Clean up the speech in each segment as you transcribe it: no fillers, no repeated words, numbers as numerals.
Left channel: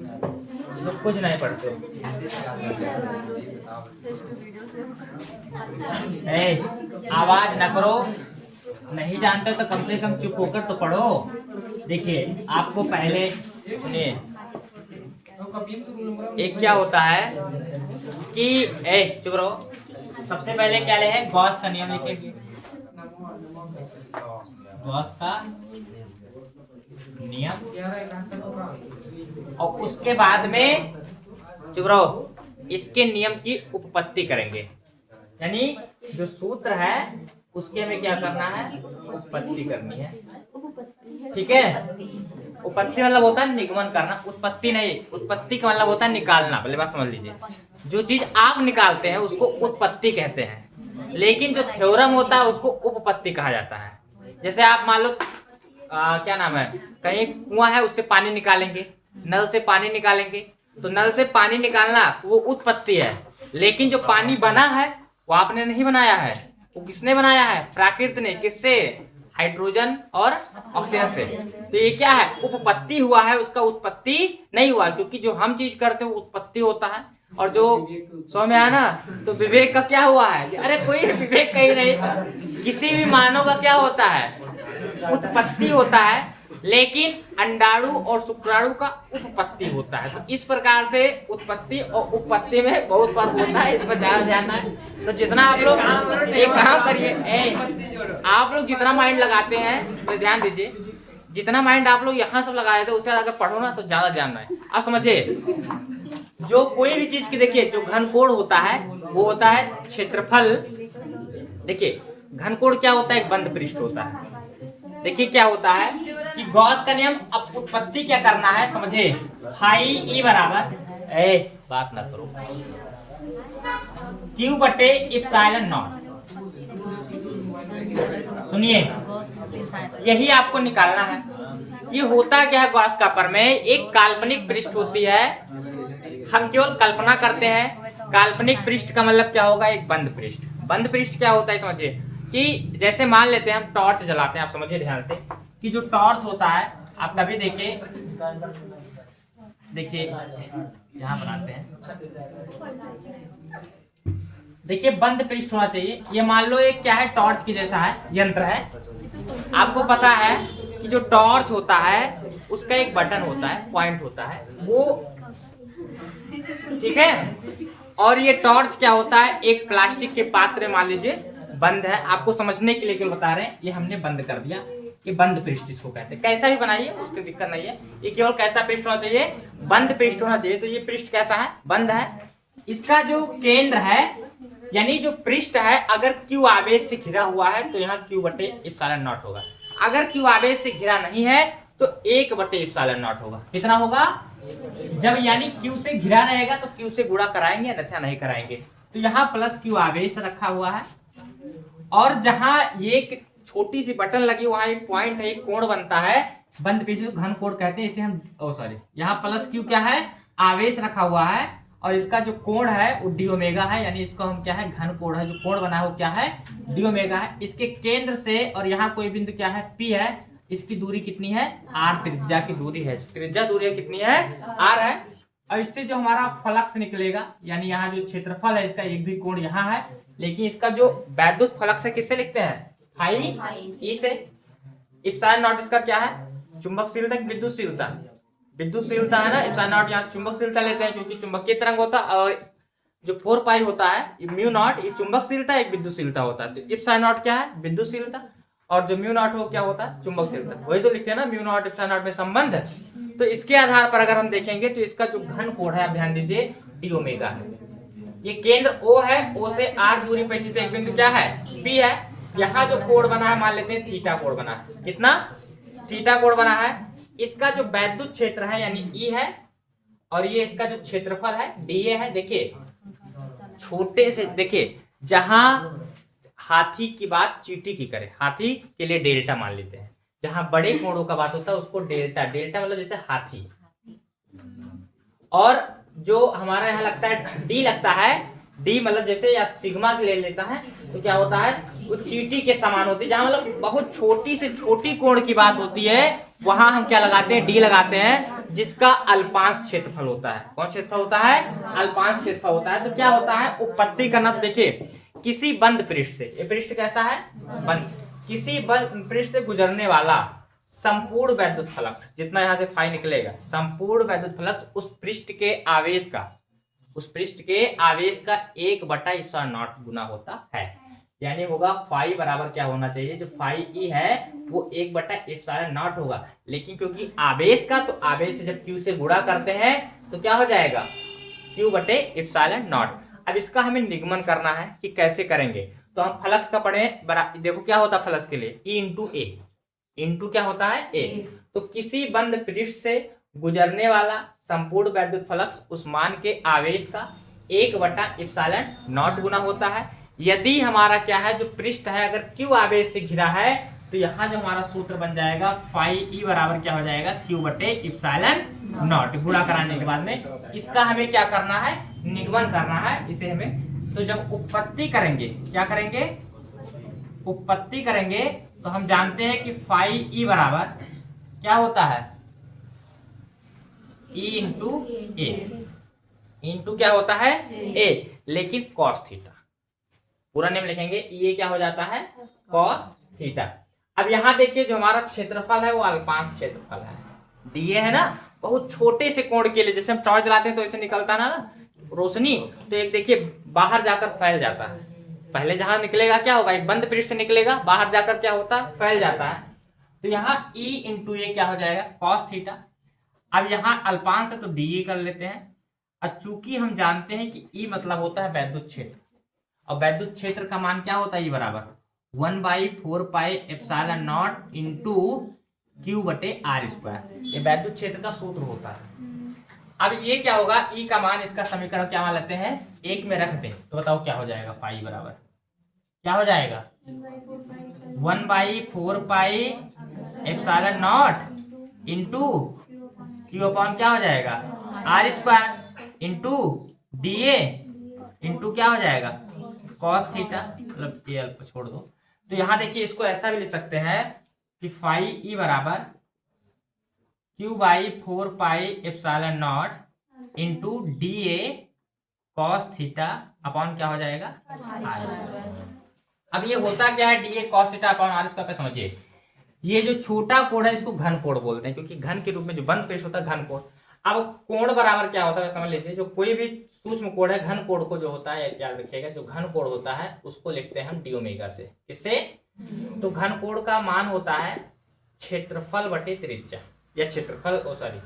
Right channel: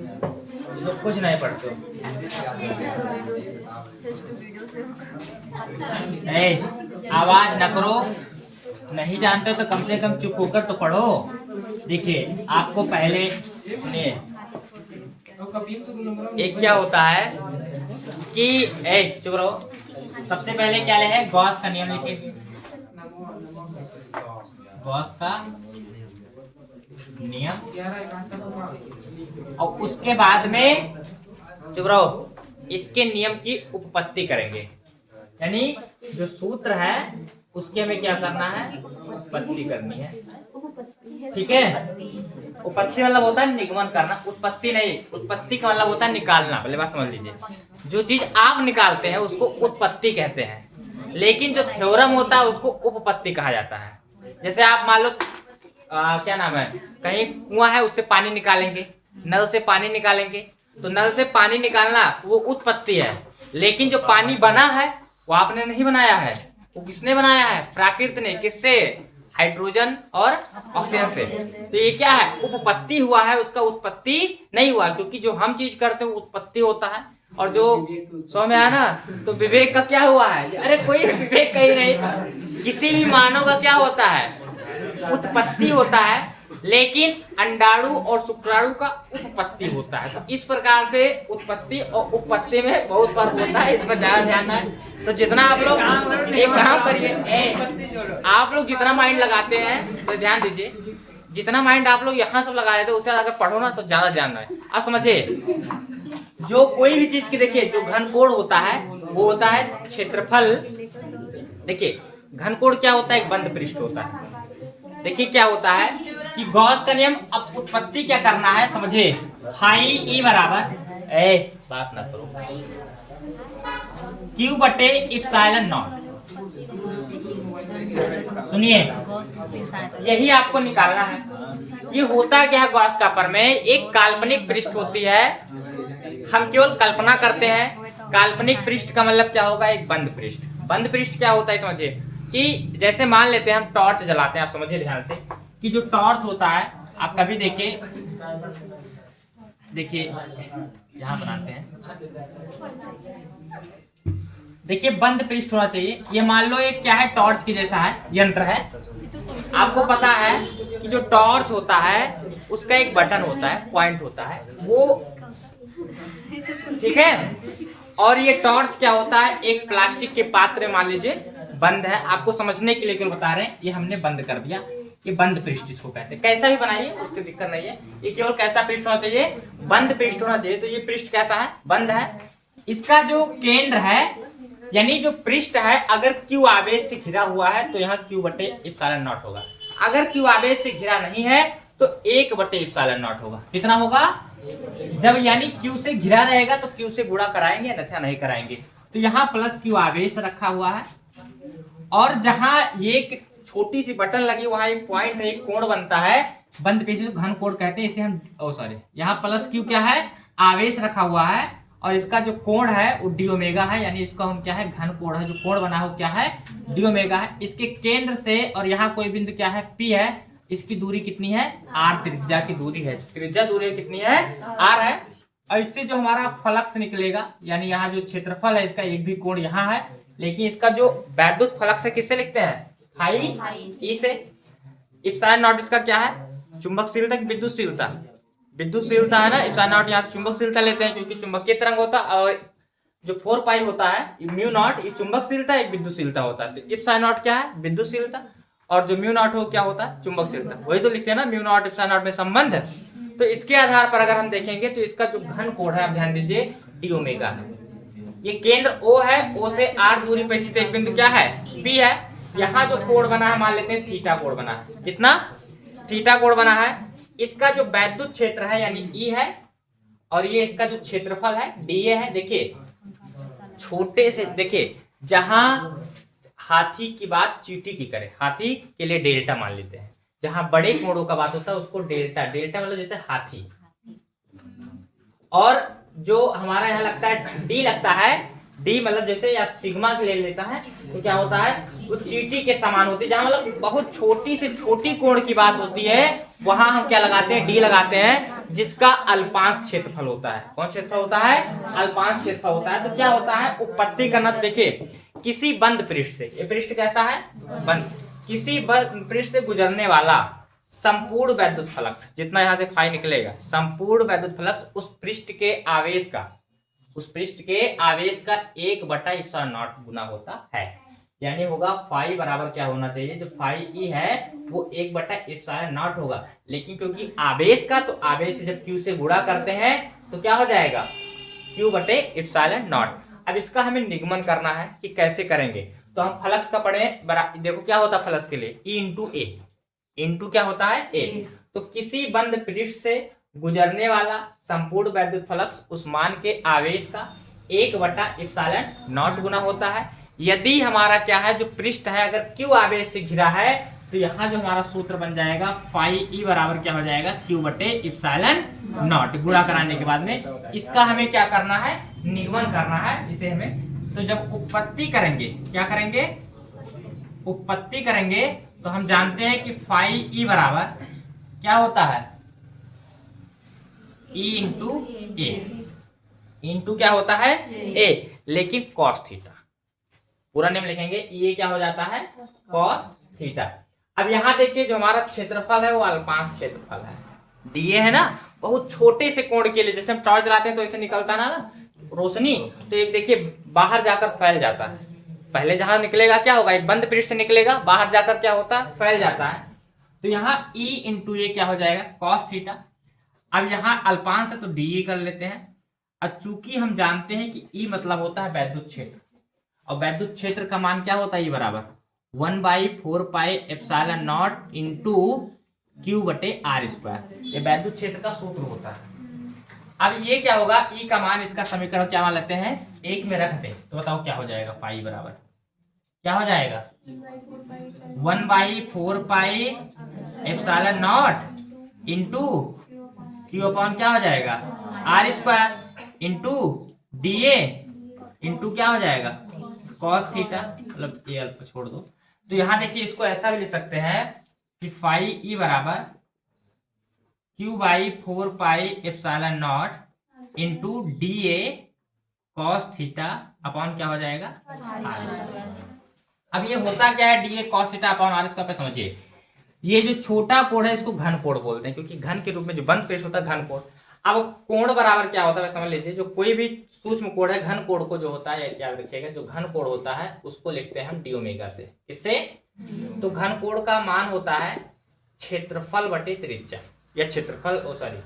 तो कुछ नहीं पढ़ते हो। आवाज न करो, नहीं जानते तो कम से कम चुप होकर तो पढ़ो। देखिए आपको पहले सुनिए, एक क्या होता है कि चुप रहो। सबसे पहले क्या ले गॉस का नियम लिखेंगे, गॉस का नियम, और उसके बाद में चुप रहो, इसके नियम की उपपत्ति करेंगे। यानी जो सूत्र है उसके में क्या करना है, उपपत्ति करनी है। ठीक है, उपपत्ति मतलब होता है निगमन करना, उत्पत्ति नहीं। उत्पत्ति का मतलब होता है निकालना। पहले बात समझ लीजिए, जो चीज आप निकालते हैं उसको उत्पत्ति कहते हैं, लेकिन जो थ्योरम होता है उसको उपपत्ति कहा जाता है। जैसे आप मान लो क्या नाम है, कहीं कुआं है उससे पानी निकालेंगे, नल से पानी निकालेंगे, तो नल से पानी निकालना वो उत्पत्ति है, लेकिन जो पानी बना है वो आपने नहीं बनाया है, वो किसने बनाया है, प्रकृति ने। किससे, हाइड्रोजन और ऑक्सीजन से। तो ये क्या है, उपपत्ति हुआ है, उसका उत्पत्ति नहीं हुआ, क्योंकि जो हम चीज करते हैं वो उत्पत्ति होता है, और जो समझ में आया ना, तो विवेक का क्या हुआ है। अरे कोई विवेक कहीं नहीं, किसी भी मानव का क्या होता है, उत्पत्ति होता है, लेकिन अंडाणु और शुक्राणु का उपपत्ति होता है। तो इस प्रकार से उत्पत्ति और उपपत्ति में बहुत फर्क होता है, इस पर ज्यादा ध्यान है। तो जितना आप लोग एक काम करिए, आप लोग जितना माइंड लगाते हैं तो ध्यान दीजिए, जितना माइंड आप लोग यहाँ सब लगा देते हैं उससे अगर पढ़ो ना तो ज्यादा जानना है। आप समझिए, जो कोई भी चीज की देखिए, जो घनकोण होता है वो होता है क्षेत्रफल। देखिए घनकोण क्या होता है, एक बंद पृष्ठ होता है। देखिए क्या होता है कि गॉस का नियम, अब उत्पत्ति क्या करना है समझिए, हाई ई बराबर बात ना करो, क्यू बटे इप्सिलॉन नॉट। सुनिए, यही आपको निकालना है। ये होता क्या है, गॉस का प्रमेय एक काल्पनिक पृष्ठ होती है, हम केवल कल्पना करते हैं। काल्पनिक पृष्ठ का मतलब क्या होगा, एक बंद पृष्ठ। बंद पृष्ठ क्या होता है समझिए, कि जैसे मान लेते हैं हम टॉर्च जलाते हैं, आप समझिए ध्यान से, कि जो टॉर्च होता है, आप कभी देखिए यहाँ बनाते हैं, देखिए बंद पृष्ठ होना चाहिए। ये मान लो एक क्या है, टॉर्च की जैसा है, यंत्र है। आपको पता है कि जो टॉर्च होता है उसका एक बटन होता है, पॉइंट होता है वो, ठीक है। और ये टॉर्च क्या होता है, एक प्लास्टिक के पात्र मान लीजिए बंद है। आपको समझने के लिए केवल बता रहे हैं, ये हमने बंद कर दिया, ये बंद पृष्ठ इसको कहते हैं। कैसा भी बनाइए उसकी दिक्कत नहीं है, ये केवल कैसा पृष्ठ होना चाहिए, बंद पृष्ठ होना चाहिए। तो ये पृष्ठ कैसा है, बंद है। इसका जो केंद्र है, यानी जो पृष्ठ है, अगर क्यू आवेश से घिरा हुआ है तो यहाँ क्यू बटे इप्सिलॉन नॉट होगा। अगर क्यू आवेश से घिरा नहीं है तो 1 बटे इप्सिलॉन नॉट होगा। कितना होगा, जब यानी क्यू से घिरा रहेगा तो क्यू से गुणा कराएंगे, अन्यथा नहीं कराएंगे। तो यहाँ प्लस क्यू आवेश रखा हुआ है, और जहां ये छोटी सी बटन लगी वहां एक पॉइंट है, एक कोण बनता है, बंद पृष्ठ को घन कोण कहते हैं। इसे हम यहाँ प्लस क्यू क्या है, आवेश रखा हुआ है, और इसका जो कोण है वो डी ओमेगा है, यानी इसको हम क्या है, घन कोण है। जो कोण बना है वो क्या है, डी ओमेगा है। इसके केंद्र से और यहाँ कोई बिंदु क्या है, पी है, इसकी दूरी कितनी है, आर, त्रिज्या की दूरी है। त्रिज्या दूरी कितनी है, आर है। और इससे जो हमारा फ्लक्स निकलेगा, यानी यहाँ जो क्षेत्रफल है इसका, एक भी कोण यहाँ है, लेकिन इसका जो वैद्युत फ्लक्स है किससे लिखते हैं, हाई ई से। इप्सिलॉन नॉट इसका क्या है, चुंबकशीलता की विद्युतशीलता, विद्युतशीलता है ना। इप्सिलॉन नॉट यहाँ से चुंबकशीलता लेते हैं, क्योंकि चुंबकीय तरंग होता है, और जो 4 पाई होता है म्यू नॉट, ये चुंबकशीलता एक विद्युतशीलता होता है। तो इप्सिलॉन नॉट क्या है, विद्युतशीलता, और जो म्यू नॉट हो क्या होता है, चुंबकशीलता। वही तो लिखते हैं ना, म्यू नॉट इप्सिलॉन नॉट में संबंध है। तो इसके आधार पर अगर हम देखेंगे तो इसका जो घन कोण है, आप ध्यान दीजिए, डी ओमेगा है। ये केंद्र O है, O से R दूरी पर स्थित एक बिंदु क्या है, P है। यहाँ जो कोण बना है, मान लेते हैं थीटा कोण बना है। कितना, थीटा कोण बना है। इसका जो वैद्युत क्षेत्र है यानी E है, और ये इसका जो क्षेत्रफल है dA है। देखिए छोटे से, देखिए जहां हाथी की बात चींटी की करे, हाथी के लिए डेल्टा मान लेते हैं। जहां बड़े कोणों का बात होता है उसको डेल्टा, डेल्टा मतलब जैसे हाथी। और जो हमारा यहाँ लगता है डी लगता है, डी मतलब जैसे या सिग्मा के ले लेता है तो क्या होता है, वो चींटी के समान होती है। जहां मतलब बहुत छोटी से छोटी कोण की बात होती है वहां हम क्या लगाते हैं, डी लगाते हैं, जिसका अल्पांश क्षेत्रफल होता है। कौन क्षेत्रफल होता है, अल्पांश क्षेत्रफल होता है। तो क्या होता है, उपपत्ति करना। तो देखिए किसी बंद पृष्ठ से, ये पृष्ठ कैसा है, बंद, किसी बंद पृष्ठ से गुजरने वाला संपूर्ण वैद्युत फ्लक्स, जितना यहां से फाई निकलेगा, संपूर्ण वैद्युत फ्लक्स उस पृष्ठ के आवेश का, उस पृष्ठ के आवेश का 1/ε0 गुना होता है। यानी होगा फाई बराबर क्या होना चाहिए, जो फाई ई है वो 1/ε0 होगा। लेकिन क्योंकि आवेश का, तो आवेश से जब क्यू से गुणा करते हैं तो क्या हो जाएगा, Q/ε0। अब इसका हमें निगमन करना है कि कैसे करेंगे। तो हम फ्लक्स का पढ़े, देखो क्या होता है फ्लक्स के लिए, E इंटू ए, इंटू क्या होता है, ए। तो किसी बंद पृष्ठ से गुजरने वाला संपूर्ण वैद्युत फ्लक्स उस मान के आवेश का 1/ε0 गुना होता है। यदि हमारा क्या है, जो पृष्ठ है अगर Q आवेश से घिरा है तो यहाँ जो हमारा सूत्र बन जाएगा फाई ई बराबर क्या हो जाएगा, Q/ε0। गुणा कराने के बाद में इसका हमें क्या करना है, निगमन करना है इसे हमें। तो जब उत्पत्ति करेंगे, क्या करेंगे, उत्पत्ति करेंगे, तो हम जानते हैं कि फाई ई बराबर क्या होता है, E इंटू ए, इंटू क्या होता है, ए, लेकिन कॉस थीटा, पूरा नेम लिखेंगे, ये क्या हो जाता है, कॉस थीटा। अब यहाँ देखिए जो हमारा क्षेत्रफल है वो अल्पांश क्षेत्रफल है, दिए है ना, बहुत छोटे से कोण के लिए, जैसे हम टॉर्च चलाते हैं तो ऐसे निकलता ना रोशनी, तो एक देखिए बाहर जाकर फैल जाता है। पहले जहां निकलेगा क्या होगा, एक बंद पृष्ठ से निकलेगा, बाहर जाकर क्या होता है, फैल जाता है। तो यहाँ E इंटू ए क्या हो जाएगा, कॉस थीटा। अब यहाँ अल्पांश है तो डी कर लेते हैं। अब चूंकि हम जानते हैं कि E मतलब होता है वैद्युत क्षेत्र, और वैद्युत क्षेत्र का मान क्या होता है, E बराबर 1/4πε0 इंटू Q/r²। ये वैद्युत क्षेत्र का सूत्र होता है। अब ये क्या होगा, E का मान, इसका समीकरण क्या मान लेते हैं, 1 में रख दें तो बताओ क्या हो जाएगा, फाई बराबर क्या हो जाएगा, 1/4πε0 इंटू Q अपॉन क्या हो जाएगा, r² इंटू DA इंटू क्या हो जाएगा, कॉस थीटा, मतलब ये अल्प छोड़ दो। तो यहां देखिए इसको ऐसा भी लिख सकते हैं कि फाई ई बराबर Q/4πε0 into DA cos theta upon क्या हो जाएगा, r²। अब ये होता क्या है, DA cos theta upon r² पे समझिए, ये जो छोटा कोण है इसको घन कोण बोलते हैं, क्योंकि घन के रूप में जो बंद पृष्ठ होता है घन कोण। अब कोण बराबर क्या होता है समझ लीजिए, जो कोई भी सूक्ष्म कोण है, घन कोण को जो होता है याद रखिएगा, जो घन कोण होता है उसको लिखते हैं हम डी ओमेगा से। किससे, तो घन कोण का मान होता है क्षेत्रफल बटे त्रिज्या, या क्षेत्रफल, ओ सॉरी,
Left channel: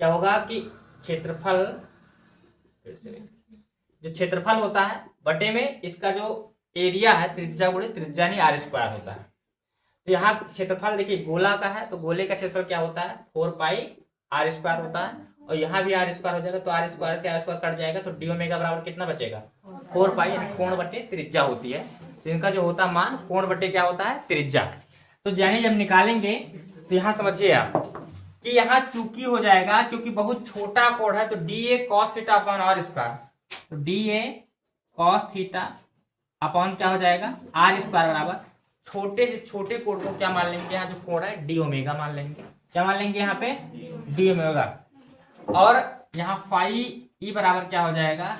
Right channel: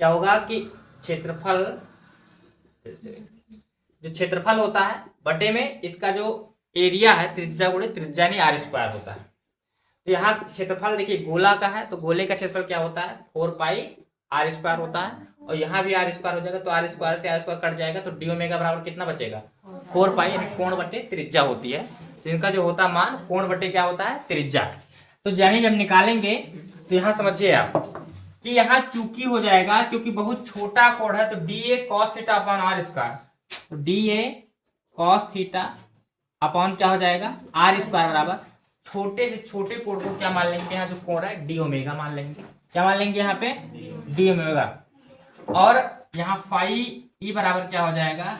क्या होगा कि क्षेत्रफल, जो क्षेत्रफल होता है बटे में इसका जो एरिया है, त्रिज्या गुणे त्रिज्या नहीं r² होता है। तो यहाँ क्षेत्रफल देखिए गोला का है, तो गोले का क्षेत्रफल क्या होता है, 4πr² होता है, और यहाँ भी r² हो जाएगा, तो r² से r² कट जाएगा, तो डी ओमेगा बराबर कितना बचेगा, 4π, यानी कोण बटे त्रिज्या होती है। तो इनका जो होता मान कोण बटे क्या होता है, त्रिज्या। तो यानी जब निकालेंगे तो यहाँ समझिए आप कि यहाँ चूकी हो जाएगा, क्योंकि बहुत छोटा कोण है, तो DA cos theta upon r², तो DA cos थीटा अपॉन क्या हो जाएगा, r² बराबर छोटे से छोटे कोण को क्या मान लेंगे, यहाँ जो कोण है डी ओमेगा मान लेंगे। क्या मान लेंगे यहाँ पे, डी ओमेगा। और यहाँ फाई ई बराबर क्या हो जाएगा,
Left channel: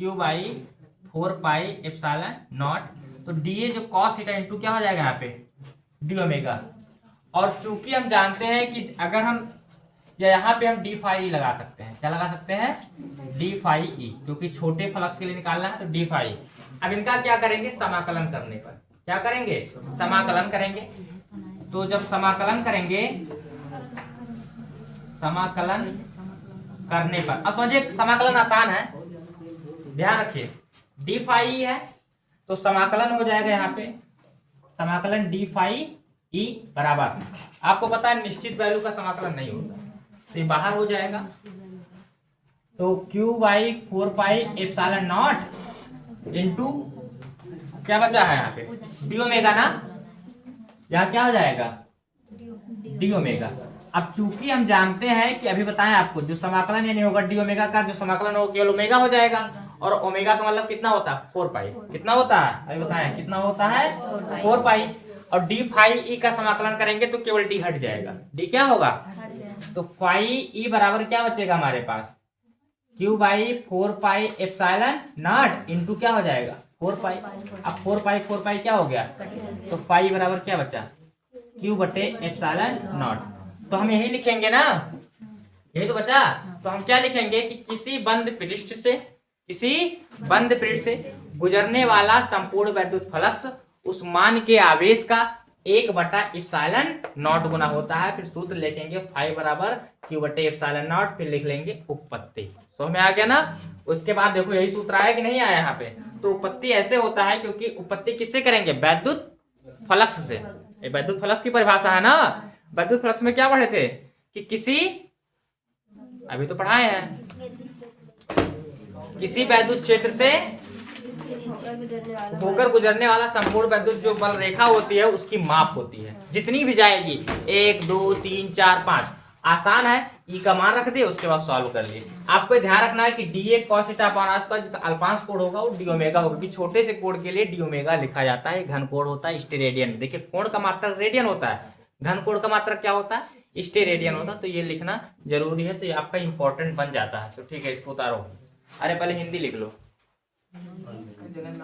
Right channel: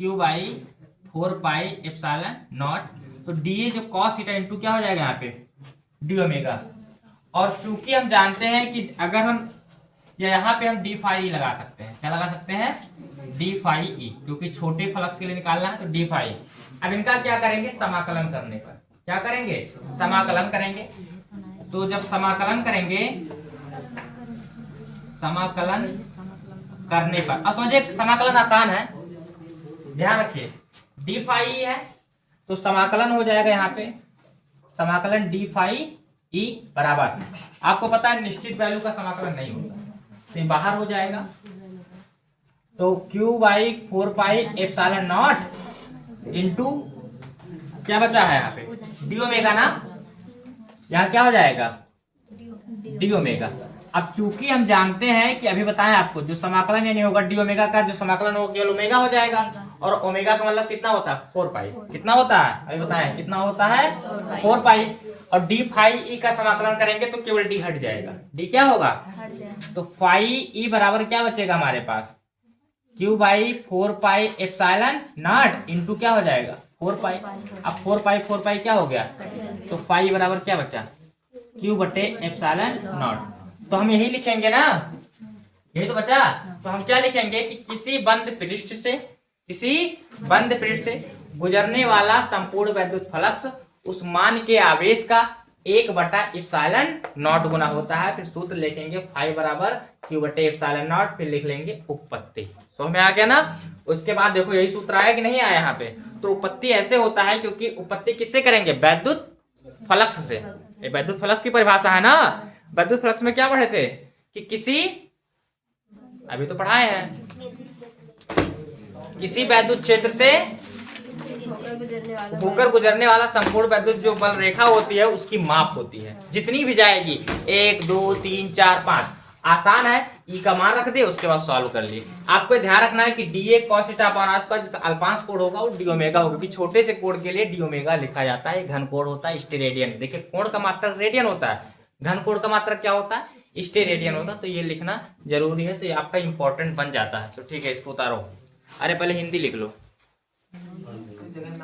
Q/4πε0, तो DA जो cos थीटा इंटू क्या हो जाएगा यहाँ पे, डी ओमेगा। और चूंकि हम जानते हैं कि अगर हम, या यहाँ पे हम डी फाई लगा सकते हैं, क्या लगा सकते हैं, डी फाई ई, क्योंकि छोटे फ्लक्स के लिए निकालना है तो डी फाई। अब इनका क्या करेंगे, समाकलन करने पर, क्या करेंगे, समाकलन करेंगे। तो जब समाकलन करेंगे, समाकलन करने पर, अब समझिए समाकलन आसान है, ध्यान रखिए, डी फाई ई है तो समाकलन हो जाएगा यहाँ पे, समाकलन डी फाई ई बराबर, आपको पता है निश्चित वैल्यू का समाकलन नहीं होगा, तो ये बाहर हो जाएगा। तो Q/4πε0 इंटू क्या बचा है यहाँ पे, डी ओमेगा ना, यहाँ क्या हो जाएगा, डी ओमेगा। अब चूंकि हम जानते हैं कि अभी बताएं आपको जो समाकलन यानी होगा डी ओमेगा का, जो समाकलन होगा केवल ओमेगा हो जाएगा, और ओमेगा का मतलब कितना होता है 4 पाई। कितना होता है अभी बताएं, कितना होता है 4 पाई। और डी फाई ई का समाकलन करेंगे तो केवल डी हट जाएगा। डी क्या होगा, तो फाई ई बराबर क्या बचेगा हमारे पास, Q by 4 pi epsilon naught into क्या हो जाएगा 4 पाई। अब 4 पाई क्या हो गया, तो फाई बराबर क्या बचा, क्यू बटे एप्सिलॉन नॉट। तो हम यही लिखेंगे ना, यही तो बचा। तो हम क्या लिखेंगे कि किसी बंद पृष्ठ से गुजरने वाला संपूर्ण वैद्युत फ्लक्स उस मान के आवेश का 1/एप्सिलॉन नॉट गुना होता है। फिर सूत्र लिखेंगे फाई बराबर क्यू बटे एप्सिलॉन नॉट, फिर लिख लेंगे उपपत्ति। समझ में आ गया ना। उसके बाद देखो यही सूत्र आया कि नहीं आया यहाँ पे। तो उपपत्ति ऐसे होता है क्योंकि उपपत्ति किससे करेंगे, वैद्युत फ्लक्स से। ये वैद्युत फ्लक्स की परिभाषा है ना। वैद्युत फ्लक्स में क्या पढ़े थे कि किसी, अभी तो पढ़ाए हैं, किसी वैद्युत क्षेत्र से होकर गुजरने वाला संपूर्ण वैद्युत जो बल रेखा होती है उसकी माप होती है, जितनी भी जाएगी 1 2 3 4 5। आसान है, ई का मान रख दिए, उसके बाद सॉल्व कर लिए। आपको ध्यान रखना है कि D A cos theta upon आसपास जिसका अल्पांश कोण होगा वो डी ओमेगा होगा, क्योंकि छोटे से कोण के लिए डी ओमेगा लिखा जाता है। घन कोण होता है स्टेरेडियन। देखिए कोण का मात्रक रेडियन होता है, घन कोण का मात्रक क्या होता है स्टेरेडियन होता है। तो ये लिखना जरूरी है, तो ये आपका इंपॉर्टेंट बन जाता है। तो ठीक है, इसको उतारो। अरे पहले हिंदी लिख लो।